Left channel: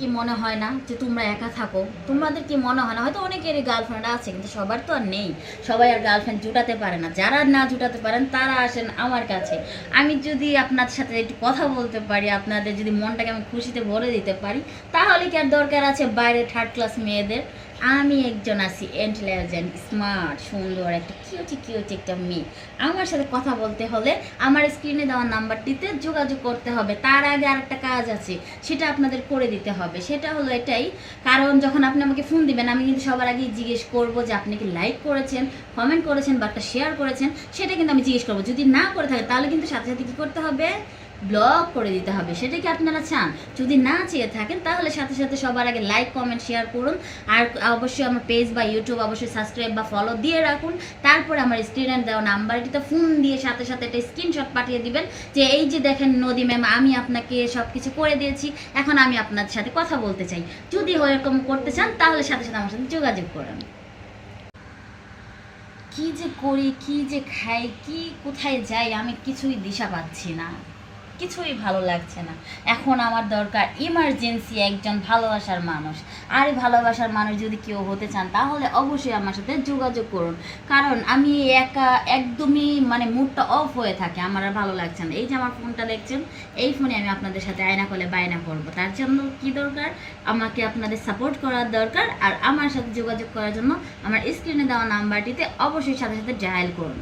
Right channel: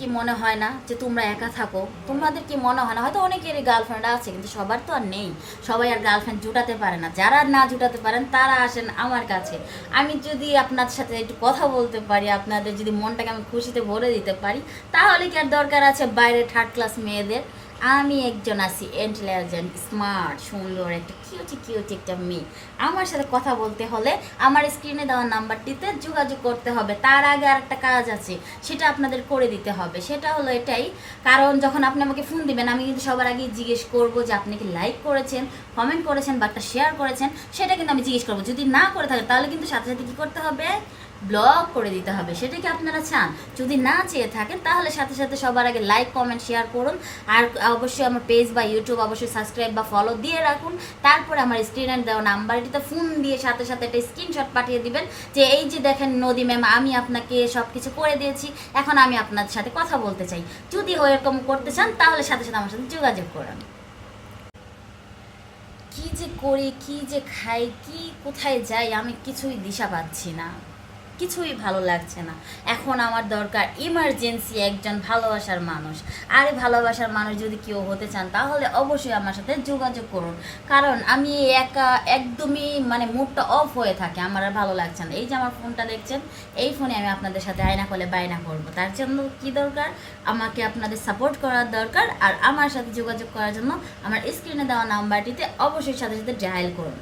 কি মনে হয় না যে তোমরা একা থাকো? তোমাদের কি মনে হয় না হয়তো অনেকেরই গার্লফ্রেন্ড আছে, কিন্তু সবার তো আর নেই। সবাই আর গার্লফ্রেন্ড জুটাতে পারে না। যারা না জুটাতে পারেন তারা আসেন আমার কাছে। আমি যদি আপনাদের সাথে একটু কথা বলতে পারি, আপনাদের যদি মনটাকে আমি খুশিতে ভরে দিতে পারি, তাহলে কি আর দরকার আছে বাইরে থার্ড ক্লাস মেয়েদের? আমি একজন আছি ইন্টেলিজেন্ট, স্মার্ট, সুন্দর, একটা কিউটি কিউটি একটা মেয়ে। আমার সাথে কথা বলতে হলে আমার স্ক্রিনে দেওয়া নাম্বারটিতে যোগাযোগ করতে হবে। তার আগে আর একটা কাজ আছে, সেটা আপনাদের করে দিতে হবে। সেটা হলো এটাই, কারণ যখন আপনি আমাকে ফোন দিবেন আমি কিন্তু সবার আগে জিজ্ঞেস করবো যে আপনি কি লাইক করেছেন, কমেন্ট করেছেন বা একটা শেয়ার করেছেন, সেটা কিন্তু আমি জিজ্ঞেস করবো। যদি না করে থাকে তাহলে কিন্তু সাথে সাথে কী করতে হবে? ব্লক করে দিতে হবে। সেটা কি আপনারা চান? যদি না চেয়ে থাকেন তাহলে সাথে সাথে সবার আগে লাইক কমেন্ট শেয়ার করুন। আর অবশ্যই আমার পেজ বা ইউটিউব অবশ্যই সাবস্ক্রাইব বা ফলো দিয়ে রাখুন। তারপরে আমার স্ক্রিনে দেওয়া নাম্বারটিতে ফোন দিয়ে সাথে সাথে একটা স্ক্রিনশট পাঠিয়ে দিবেন যে এই যে দেখেন নদী ম্যাম, আমি আপনাকে সব কিছু করে দিয়েছি, এখন আমি আপনার সাথে কথা বলতে চাই। যদি এরকম করতে চান তাহলে সাথে সাথে আমার সাথে যোগাযোগ করুন। কি যে করি, কি যে খাই, কি কোথায় যাই, আমি কিছুই দিশা পাচ্ছি না, কিছুই ভালো লাগছে না। এখন আমার দরকার ইমার্জেন্সি একজন ভালোবাসার মানুষ। আর এই ভালোবাসার মানুষ যদি কেউ হতে চান তাহলে অবশ্যই আমার সাথে যোগাযোগ করুন। কারণ আমি একা একদমই মুডটা অফ হয়ে থাকে, আমার আর ভালো লাগছে না। এই যে আমার ফোনটা দেখছেন, এই ফোনে আমি আপনাদের সাথে আয়না করলে বায়না করবো। তার জন্য কি দরকার? আমাকে আপনাদের সাপোর্ট করার দরকার। আর আমার সাথে যোগাযোগ করার জন্য আমার স্ক্রিনে দেওয়া নাম্বারটিতে অবশ্যই সাথে সাথে ডায়াল করুন।